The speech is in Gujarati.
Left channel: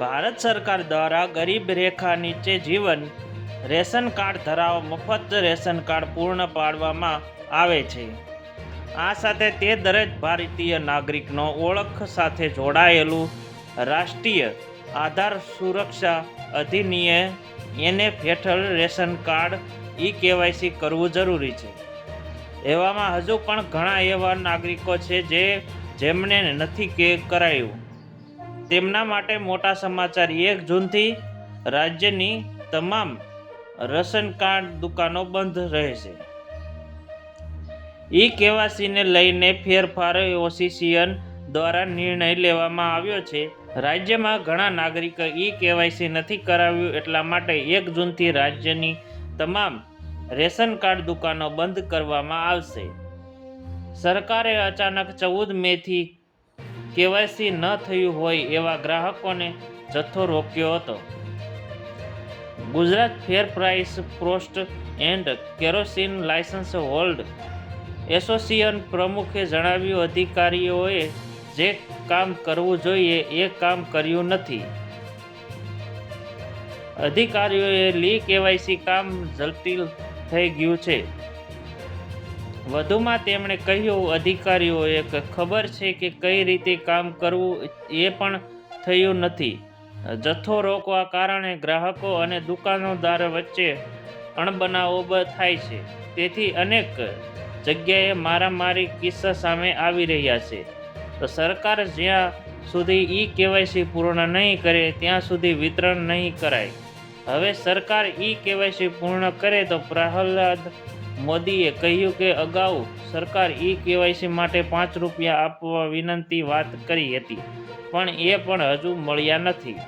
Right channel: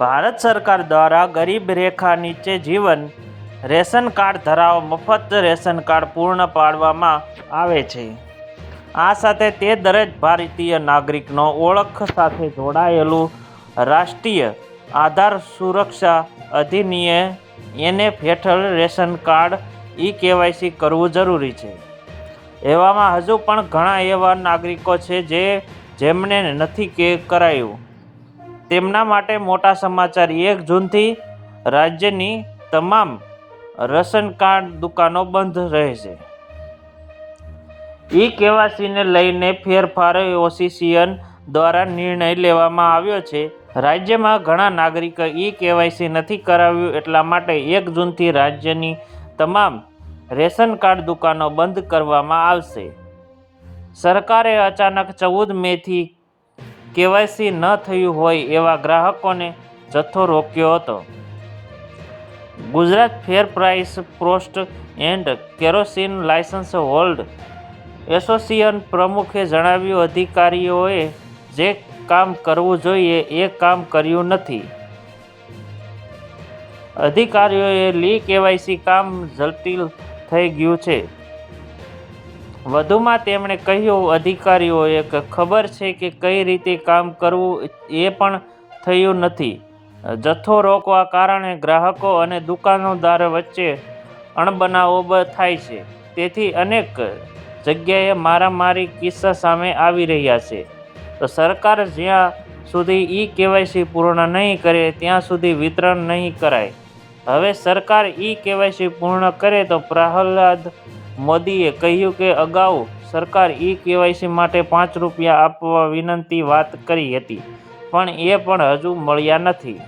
ભારત સરકાર દ્વારા ગરીબ રેખા નીચે જીવન, રેશન કાર્ડ ધરાવો, મફત રેશન કાર્ડ પૂર્ણ પાડવામાં આવે છે. આ સાથે તે દરેક ભારતીય નાગરિકનો ઓળખ સાથે જોડાયેલું રાષ્ટ્રીય આધાર સુરક્ષા અધિનિયમ એનએફ હેઠળ રેશન કાર્ડ ઈ કેવાયસી કરવું જરૂરી છે. એવામાં હજુ પણ ઘણા એવા નાગરિકો છે જે જેમને નથી કે કરાયું. તેમના માટે મોટા સમાચાર. એક જૂનથી રાજ્યની તમામ રેશન કાર્ડ દુકાનો બંધ રહેશે. ઈ કેવાસીને લઈને ફેરફાર ઓસીસીએન દ્વારા નિર્ણય લેવામાં આવ્યો છે. રાજ્યમાં ઘણા નાગરિકો ઈ કેવાયસી નથી કરાવ્યું એટલા માટે એક જૂનથી રાજ્યની તમામ રેશન કાર્ડ દુકાનો બંધ કરવામાં આવશે. સરકારે અચાનક ચૌદ મેથી કેવાયસી ન થયું હોય એવા ગ્રાહકોને જથ્થો રોક્યો હતો. Gujarat fair price પ્રોસ્ટ and kerosene license hold association પ્રમુખે જણાવ્યું, અધિકારીઓએ જે કામ કરવું જોઈએ એ કામ કર્યું નથી. અધિકારીઓએ લી કેવાયસી કામ જટિલ થઈ ગયું છે. વધુમાં તેમણે કહ્યું, અધિકારીઓએ કે, ખબર છે કે કઈ રીતે કામ કરવું એ પણ થયું નથી. જથ્થો રોકવા કારણે ગ્રાહકો અને દુકાનદાર વચ્ચે અણબનાવો થાય છે. તેથી અનેક જગ્યાએ મારામારી કિસ્સા સામે આવી રહ્યા છે. તો સરકાર જ્યાં સુધી ઈ કેવાયસી પૂર્ણ નહીં કરે, ત્યાં સુધી વિતરણ નહીં કરાય. હવે સરકાર ઈ કેવાયસી પૂર્ણ કરે તો પ્રહલાદ મોદીએ કહ્યું કે અગાઉ સરકાર ઈ કેવાયસી માટે પાંચ રૂપિયા આપવા વિનંતી વાત કરી હતી, પણ એ પણ હજુ મળ્યા નથી.